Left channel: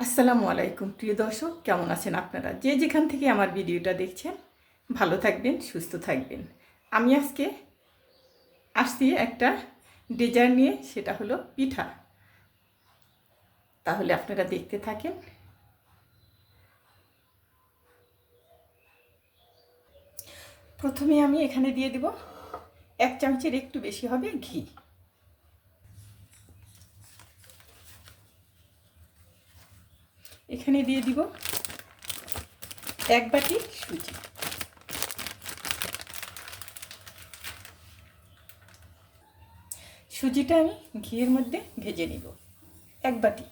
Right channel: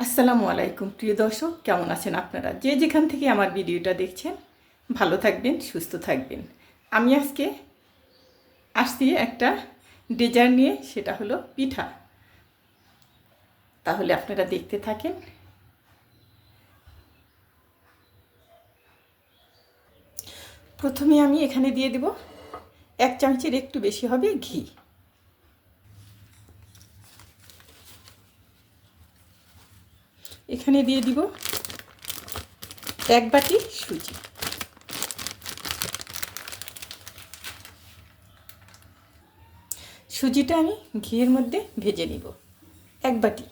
আসসালামু আলাইকুম। প্রিয় দর্শক, কেমন আছেন আপনারা? যে যেখান থেকে আমার ভিডিওটা দেখছেন, ভালো থাকবেন, সুস্থ থাকবেন। আমি আজকে আসছি একটা ডিজাইন নিয়ে, সেটা হলো পিঠা। তাহলে আপনারা দেখতে থাকেন। প্রথমে আমি এখানে দিয়ে দিব এক চামচের একটু বেশি হবে ঘি। এখানে দিয়ে দিব এক বাটি সুজি। সুজিটা আমি ঘিয়ের মধ্যে ভেজে নিব, এক বাটি।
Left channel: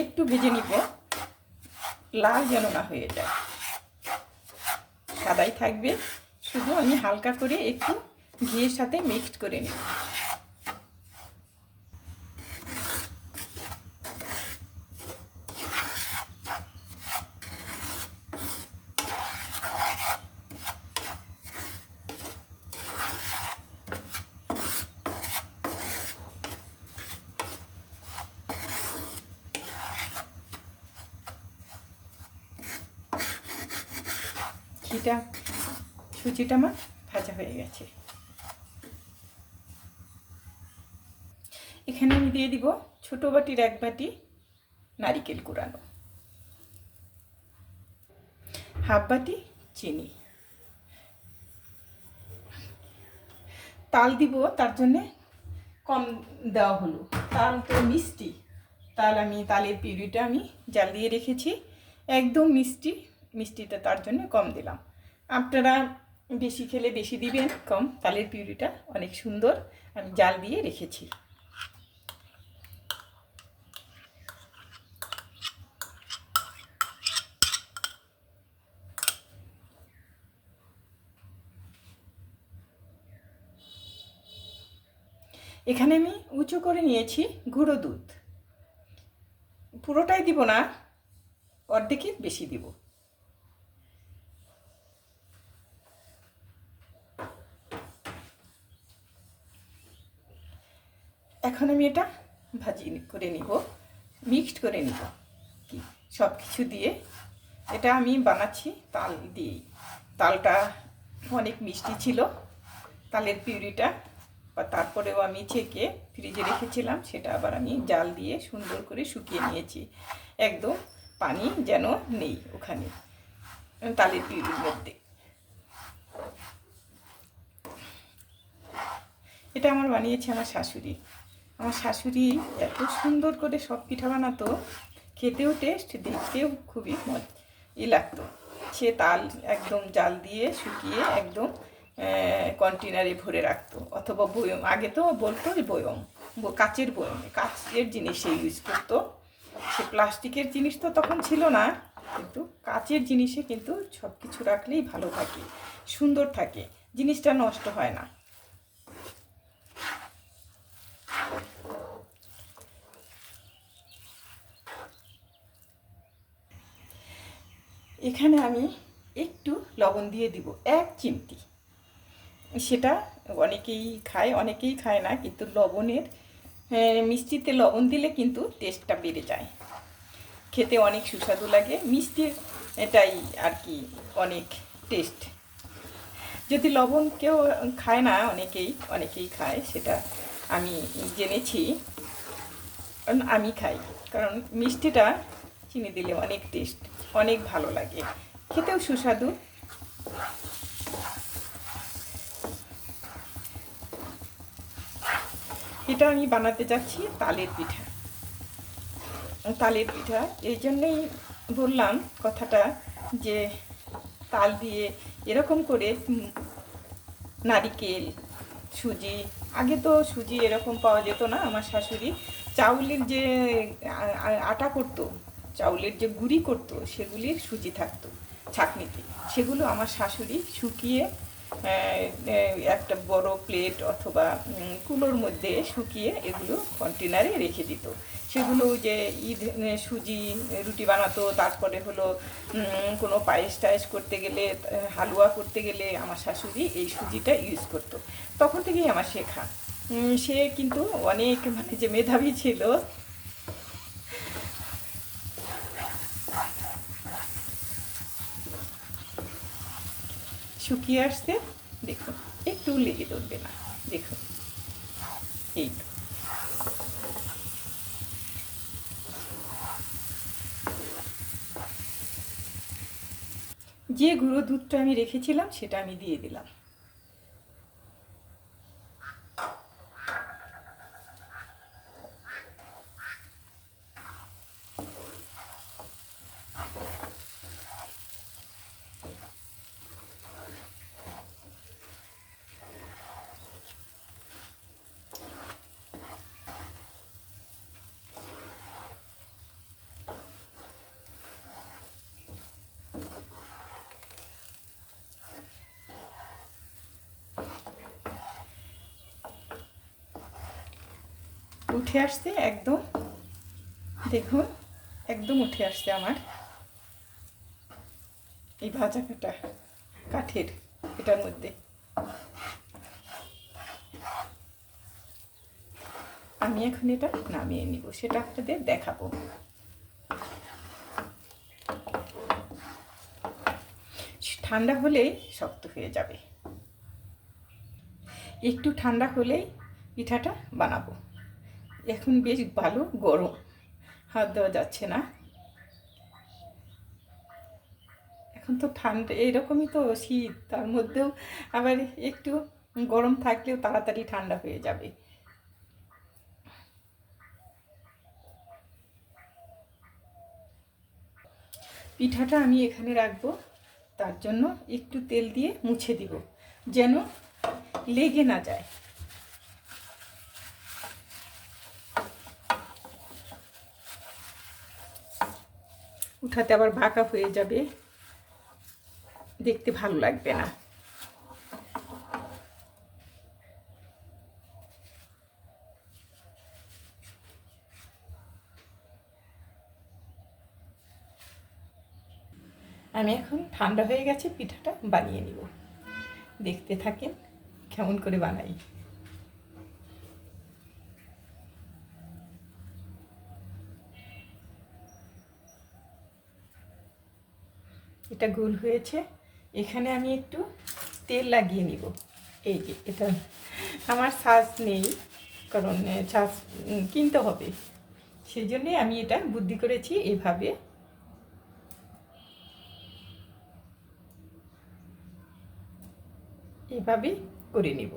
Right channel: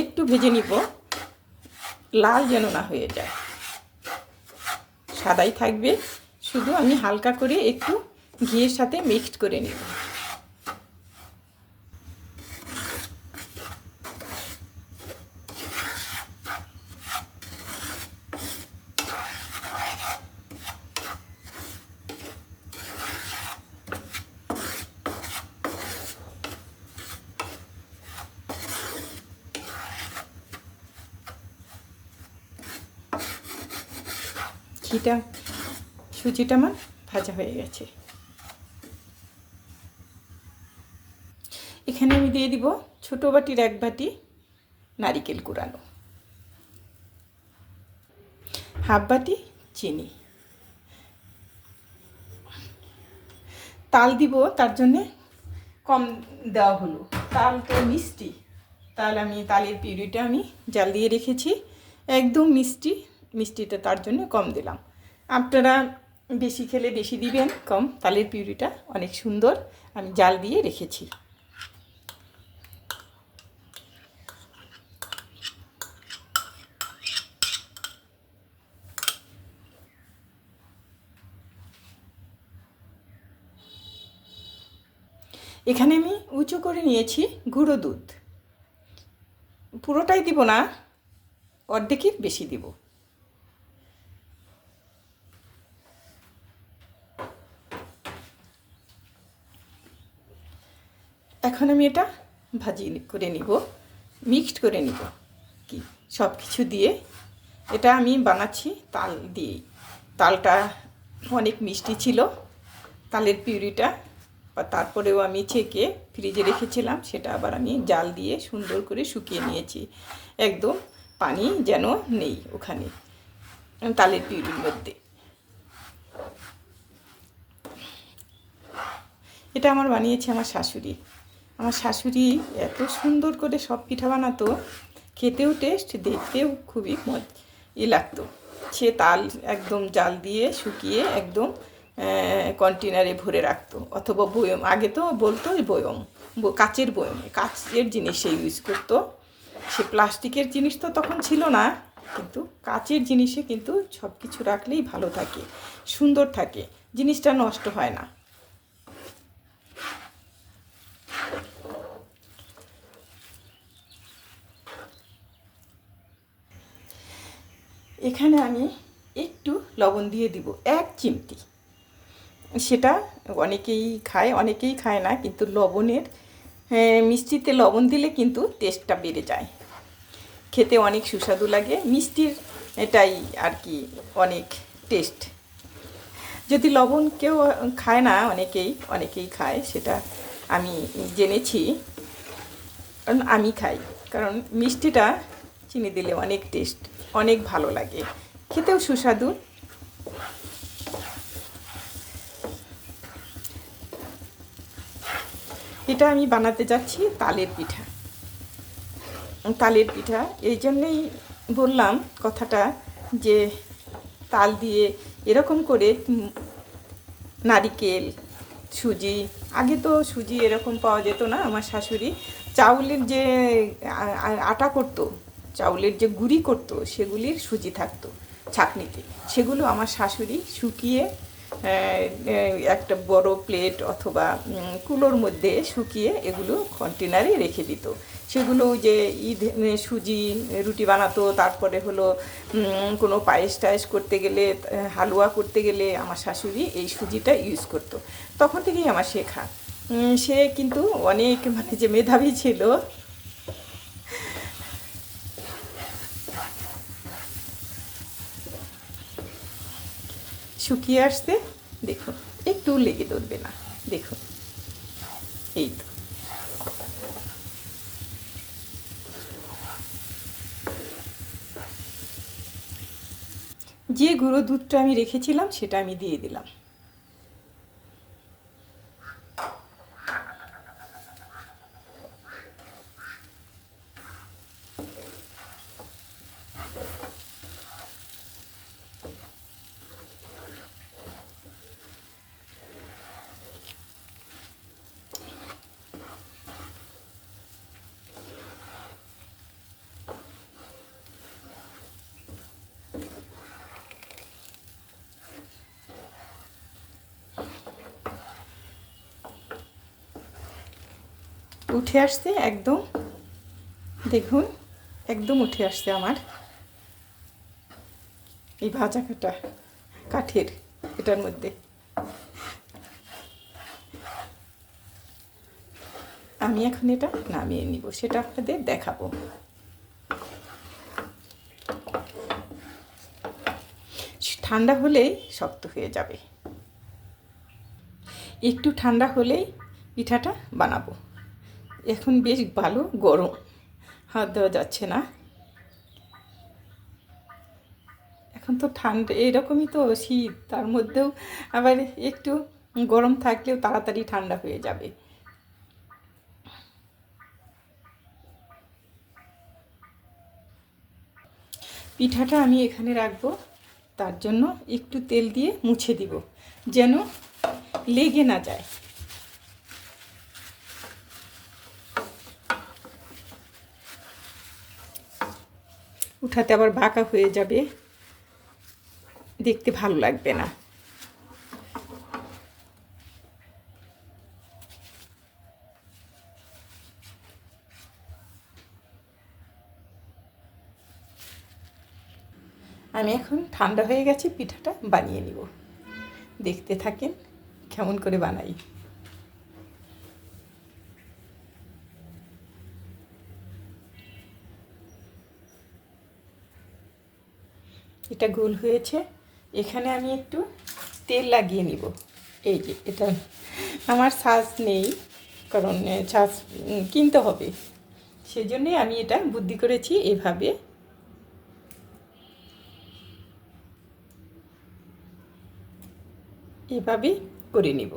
একটু ভেজে নিব, লাল যেন না হয়ে যায়। সাদাই থাকবে, শুধু আমি হালকা করে একটু ঘিয়ের সাথে মিক্সড করে নিব। ঘিটা সুজিটা আমার ভাজা হয়ে গেছে। এখানে আমি দিয়ে দিব ছোট বাটির এক বাটি নারিকেল কুড়ানো। হাফ বাটি চিনি। তাল দিব, তার জন্যে কম দেওয়া হলো। তাল তো মিষ্টি। তাল আমি, তালের পিউরিটা আমি জাল দিয়ে রেখেছি। একদম মিষ্টি, মিষ্টিটা তার জন্য কম দিলাম। আপনারা বেশি খেলে বেশি দিবেন কম। তালের পিউরিটা অনেক সুন্দর। আমি জাল দিয়ে রেখেছি। এখানে আমি উঁচু করে নিয়েছি গুঁড়ো দুধ। পুরোটাই দিব না, অর্ধেকের বেশি দিব। এখন আমি এটা ভাজি করে নিব, মিক্সড করে নিব। কি সব কিছু দিয়ে এটা আমি বানাচ্ছি তাল দিয়েই। তালটা অনেক মিষ্টি ছিল, তালের পিউরিটা বা তারপরেও আমি ছেঁকে ফ্রিজে রেখেছিলাম, সেটা আবার আমি জাল দিয়ে সুন্দর করে শুকিয়ে নিয়েছি। একদম পানি যেন নেই ওখানে, তালের পিউরির মধ্যে। এটা আমার বানিয়েছে আমার শাশুড়ি। আমার শাশুড়ি এত সুন্দর করে সব পিঠা বানাতো, খেতেও টেস্ট দেখতেও খুবই ই লাগতো। সে তাল একদম জাল দিয়ে শুকিয়ে একদম কন্টেনারে ভরে রাখতো। অথবা বয়ম, আগে তো বলতো বয়ম কাচের বয়ম, কাচের জিনিস সে ইউজ করতো। সে প্লাস্টিকের জিনিস তো তখন ছিল না, কিন্তু কাচের জিনিসে কিন্তু সব কিছু রাখলেই ভালো থাকে, সুন্দর থাকে, জিনিসটা নষ্ট হয় না। এখানে আমি একটু লবণ দিয়ে দিব, এক চিমটি। সেটা অনেকেই খায় অনেকেই খায় না, কিন্তু লবণের মিষ্টিতে লবণ দিলে কিন্তু টেস্টটা বেড়ে যায়। খেতে অনেক সুস্বাদু লাগে, মিষ্টির এটাই আর কি অনেক টেস্ট যদি লবণ কেউ খায় না, অনেকেই অনেকেই খায়, সেটা আমি জেনেছি। কারণ আমি খাই, কারণ মিষ্টিটা চিনি দিলে অনেক টেস্ট অনেক ভালো লাগে। খেতেও সুস্বাদু এটা আমি বানাতে যাচ্ছি তালের পিঠা। তালের পিঠা। এই জন্যেই বললাম কথাটা যে তাল দিয়ে এরকম করে নারিকেল, সুজি, আগে তো সুজি এরকম পাওয়া যেত না আমার শাশুড়ি। চাউলের যে আটা করতো, চাউলের যে গুঁড়ি করতো, সেগুলির সুজি থাকতো, ছাকনিতে। সেগুলো আমার শাশুড়ি শুকিয়ে একটা বড় প্লেট অথবা কুলোর মধ্যে শুকিয়ে এগুলো কন্টেনারে রেখে দিত। সেগুলো যে ঈদ সুজি, রুটি বানাতো, তারপরে হলো কোনো পায়েস টায়েস করতে গেলে হালুয়া করতে গেলে আমার শাশুড়ি এই সুজিটা ইউজ করতো। তখন থেকেই আমার শেখা। সে কিন্তু অনেক মানে যে মেধাবী ছিল শুকিয়ে আসতে দেখুন, একটু লেগে ধরবে না। দেখুন, এই তো। যে গুঁড়ো দুধটা আমি রেখেছিলাম, সেটা আমি দিয়ে দিলাম। উঠে আসছে, একদম। দেখুন, একদম উঠে আসছে আমার। এই ভাজা কাটা, কাঠের, এটার মধ্যে। আমি এখন এটা নামিয়ে নিব, সেটা আপনাদের দেখাবো। ঠান্ডা হলেই শক্ত হয়ে যাবে। একটু ঠান্ডা হলেই পিঠাটা বানাবো। এখন বেশ ভালো গরম। হাত দেওয়া যাচ্ছে না। এখন তো ঠান্ডা এইরকমই তো শীত। তার মধ্যেও আবার একটু গরম থাকলেও তাড়াতাড়ি ঠান্ডা হয়ে যাবে। পিঠাটা আমি এখানে রাখব। তার জন্য একটু তেল দিয়ে মুছে দিব, যেন লেগে না যায়। উঠাতে আবার বাঁকা হয়ে যাবে। দেখতে ভালো লাগবে না। আমি এখন ঠান্ডা হয়ে গেছে, পিঠাটা বানিয়ে নিব। দেখতে থাকেন, কেমন করে বানাই। এটা গোল হয়েছে। এখানে আমি একটু তেল লাগিয়ে নিব। এই যে, এটা আমার শ্বাস নেই, কারণ শ্বাস কিনতে হবে। সেই জন্যে আমি এটা বুদ্ধি করেছি এভাবে। এভাবে করে নিব।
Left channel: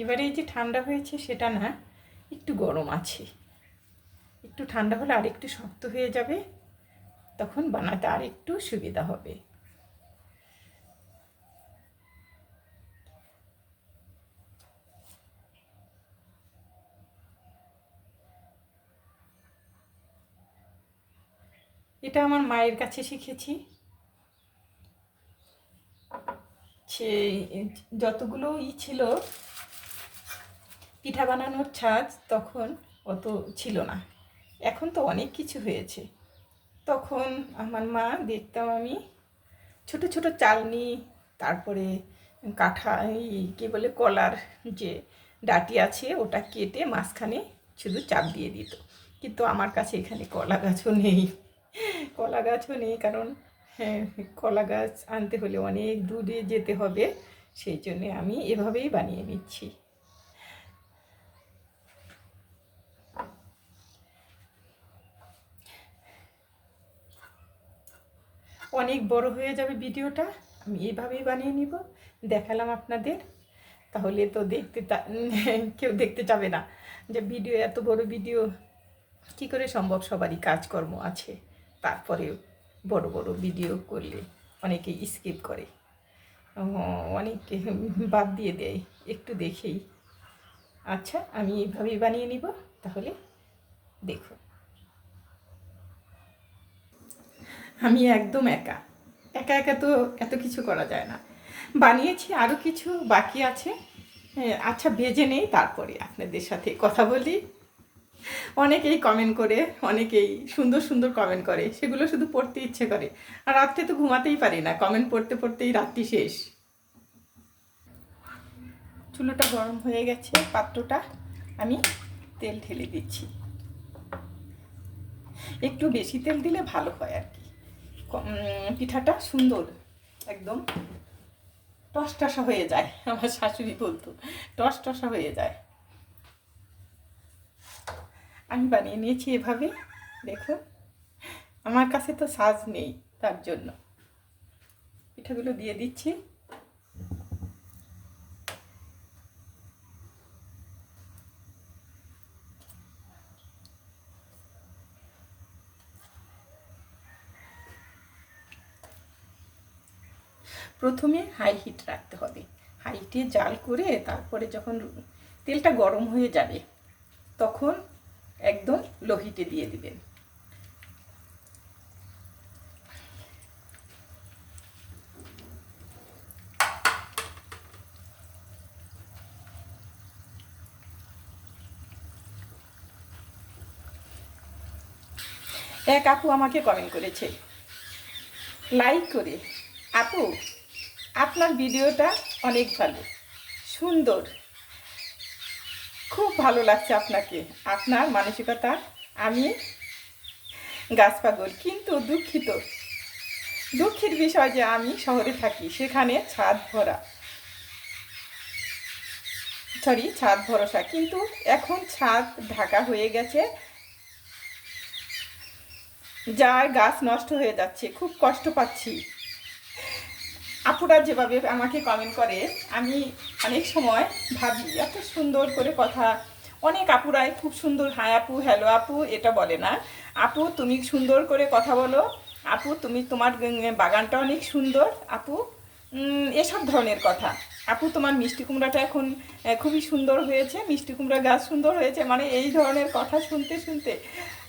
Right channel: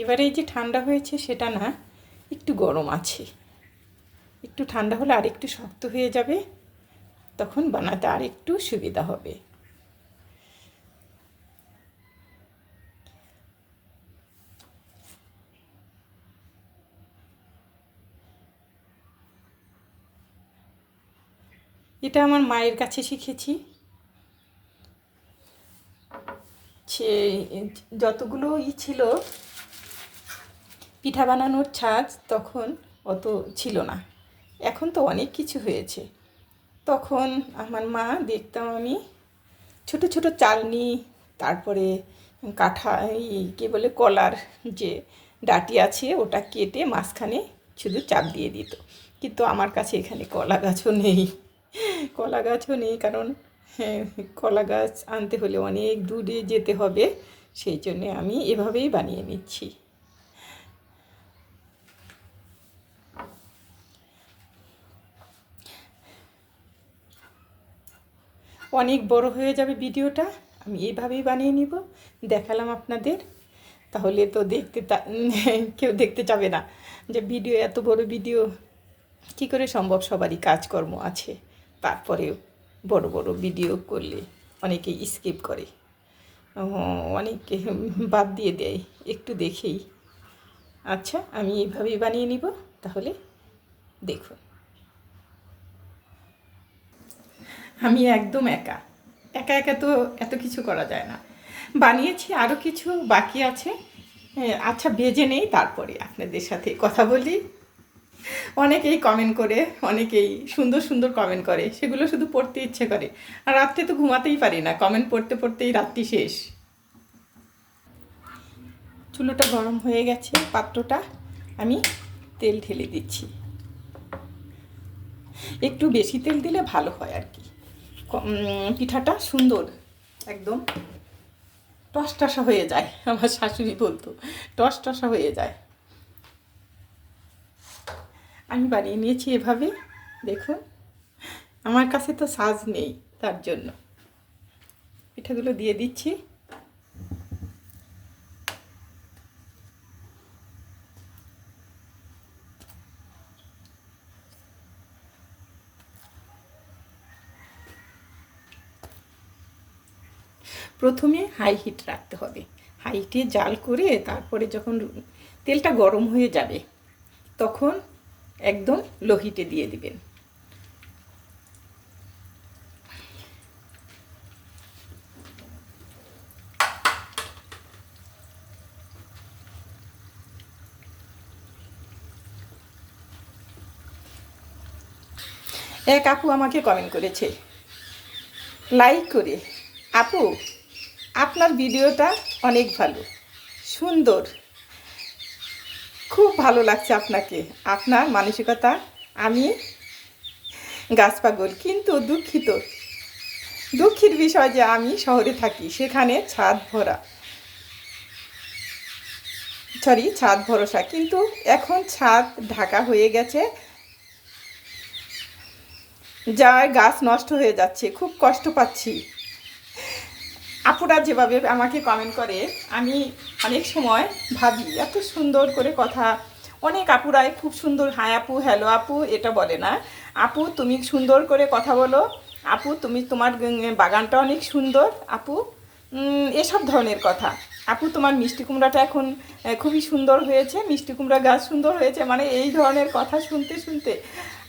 একেবারেই যে ঠান্ডা হয়েছে সেটা না, একটু গরম আছে। একটু ঠান্ডা হলে আর একটু শক্ত হয়ে যাবে, তখন বানাতে আর একটু সুবিধা হবে। এটা আমার মায়ের কাছে শিখেছি। সে যতগুলো ই ছিল পিঠা বানানোর ছাঁচ তখন অত ছিল না। এখন তো অনেক কিছু হয়েছে। তখন আমার মা দেখতাম আমি ছোট ছোট চালনি তারপরে কাঠা এই কী বলে কলার যে ডাটি আছে ওটা কেটে মাঝখানে শুধু চাপ দিয়ে দিত। কিন্তু আমার কাছে এখানে কলা গাছও নেই। কলা গাছও নেই কারণ হ্যাঁ, কলা গাছ আনতে হলে অনেক দূরে যেতে হবে। সেই জন্যে আমি এভাবেই বানিয়ে নিচ্ছি। অনেক বড় হয়ে যাবে ভিডিওটা, আমি এইভাবেই বানিয়ে নিব, দেখালাম আপনাদের। তাহলে তো দেখতে কেউ দেখতে চাবে না যে ভিডিও, এত বড় ভিডিও, কী করে সম্ভব? সবারই কাজকর্ম আছে, তারপরেও বড় বড় ভিডিও করলে অনেকে স্কিপ করে। অনেকে বাদ দিয়ে দেয়, একটু দেখেই। আচ্ছা আমি এইভাবেই বানিয়ে নিব, তাহলে দেখুন। আমি একদম একা। একা একা তো এত কিছু করা যায় না। বানিয়েছি আরও কিছু বাকি আছে। আচ্ছা বেজে নেই, তারপরে আপনাদের সাথে কথা বলি। অনেকেই কমেন্ট করে, অনেকেই সুন্দর সুন্দর কমেন্ট করে, সেগুলো শুধু পড়তে ইচ্ছে করে। আর রাত্রে তো ঘুমাতেই পারি না কমেন্ট পড়তে পড়তেই রাত্রি শেষ। চুলোটা গরম হয়ে গেছে, পাত্রটা আমি তেল ঢেলে দিচ্ছি। একটু বেশি তেল দিলে ভালো হয় আর কি। পিঠাটা সুন্দর, একদম টস টসা হয়ে যায়, আমার শাশুড়ি বলতো টস টসা হয়ে যায়। আমি বানিয়ে নিয়েছি এভাবে, দেখুন, আমার কাছে তো সাজ নেই তার জন্য। পিঠাগুলো দিয়ে দিচ্ছি। প্রথমে হাই হিট রাখতে হবে। হাই হিটে জাল করে তারপরে যখন তেলটা গরম হয়ে যাবে, তখন একদম লো হিটে দিয়ে দিবেন। এক আপু আমাকে কমেন্ট করেছে। লাইক করে, আপু আপনার ভিডিওটা অনেক ভালো। সুন্দর। খুব ভালো লাগছে আপনাকে। আপনার মানসিকতা, আমি গাছ পাগল কিন্তু দুঃখিত। দুঃখের বিষয় যে আমি শহরে থাকি, সেখানে ছাদ ভরা। সরি ছাদ ভরসা, কিন্তু এখন ছাদ ঢাকা হয়ে গেছে। যার গাছ নষ্ট হয়ে যাচ্ছে, খুব কষ্ট পাচ্ছি। আপুরা যেভাবে আমাকে কমেন্ট করে, আমি অনেক সময় ভাবি, এত সুন্দর করে কথা। অনেক আপুরাই খুব সুন্দর, হাই আপু হ্যালো আপু, এটা বলে না। আপু, তুমি সুন্দর করে কথা বলো। আপু, তুমি তোমার বাগানটা অনেক সুন্দর। আপু এসব ধরনের কথা। আপু, তোমার মিষ্টি কুমড়াটা এখন খুবই সুন্দর হয়েছে। মিষ্টি কুমড়া গাছ সুন্দর হয়েছে। মানে এই ধরনের কথা শুনতে শুনতে।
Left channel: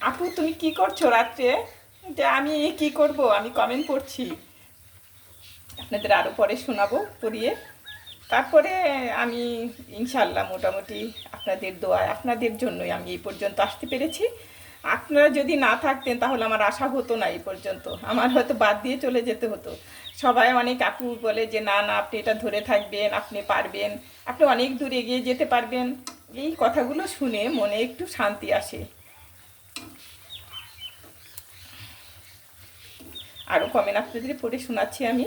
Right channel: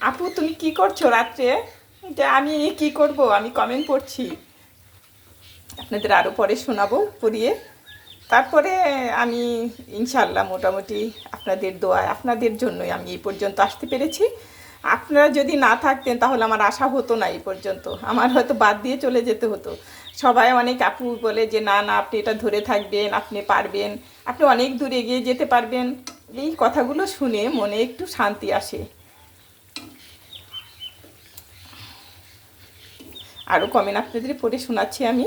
আপু, তুমি কি করছ রাত্রে? আমি কি করব? আমি কমেন্ট পড়ছি আপনাদের আরও পরে শোনাবো পড়িয়ে। তারপরে আমি ইনশাল্লাহ মোটামুটি আপনাদের দোয়ায়, আপনাদের জন্যই আমি এই পর্যন্ত আসতে পেরেছি। আপনারা যদি না থাকতেন তাহলে আমার আশা হতো না এই পর্যন্ত। আমার হয়তো বাদ দিয়ে চলে যেতে হতো। সবাই অনেক আপু বলে যে, না না, আপনি এটা ধরে থাকবেন, আপনি পারবেন, আপনি অনেক দূর এগিয়ে যেতে পারবেন। এই কথাগুলো শুনে মনে একটু শান্তি আসে। আরও কমেন্ট আপনাদের পড়ে শোনাচ্ছি আমি।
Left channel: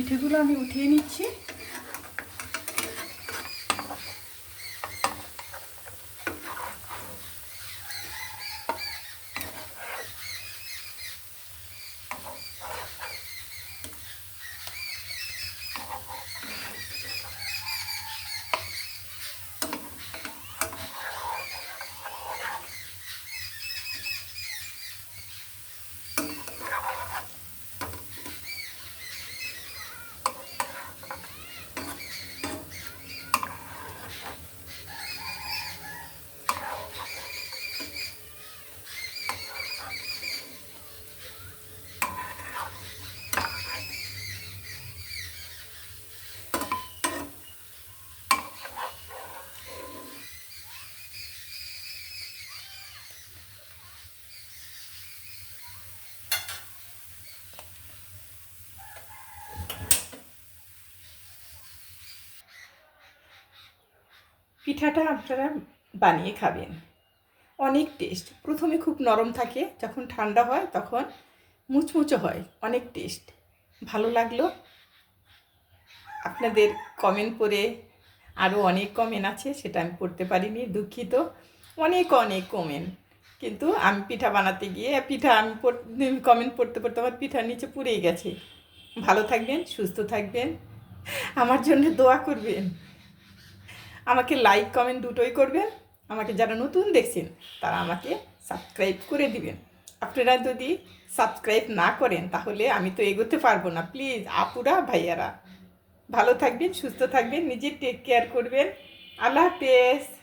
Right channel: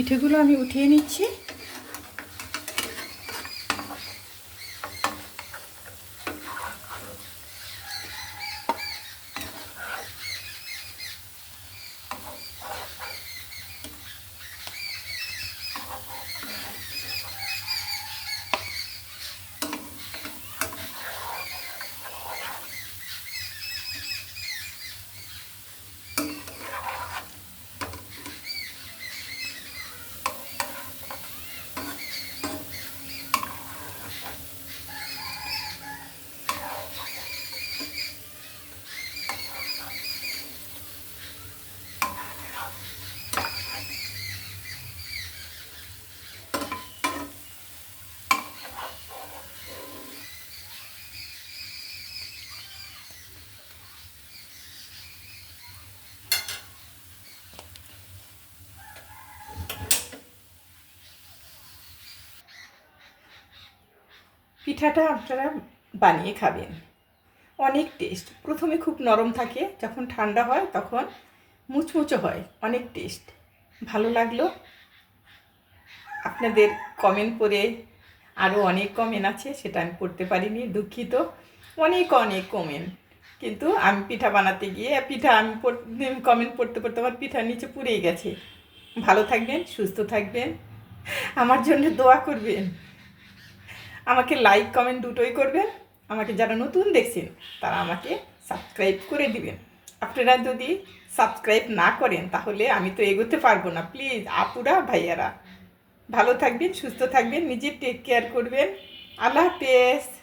পিঠেগুলো আমি উঠিয়ে নিচ্ছি। পিঠাটা আপনারা বানিয়ে খাবেন। অনেক টেস্ট প্রথমে খুব নরম থাকে, যখন ঠান্ডা হয় তখন মুচমুচো হয়, অনেক টেস্ট ভালো লাগল? আপনাদের কমেন্ট পড়ে আরও অনেক কমেন্ট আছে, সেটা আমি পড়তে পারিনি, দুঃখিত। অনেক অনেক কমেন্ট কিন্তু আমি পিঠা বানাতে গিয়ে, পিঠা আমি কমেন্ট পড়তে পড়তে আমার পিঠা নিচে পুড়েই গেছে। ভালো থাকবেন, সুস্থ থাকবেন। আমার জন্য দোয়া করবেন। আমাকে লাইক কমেন্ট দুটোই করবেন। আমাকে যারা নতুন দেখছেন, তারা আমাকে সাবস্ক্রাইব করে দিবেন। আপনারা যদি সাবস্ক্রাইব না করেন, তাহলে আমি তো এগোতে পারব না। প্লিজ আপুরা, ভাইয়ারা, ভালো থাকবেন, সুস্থ থাকবেন নিজের টেক কেয়ার করবেন। আল্লাহ হাফেজ।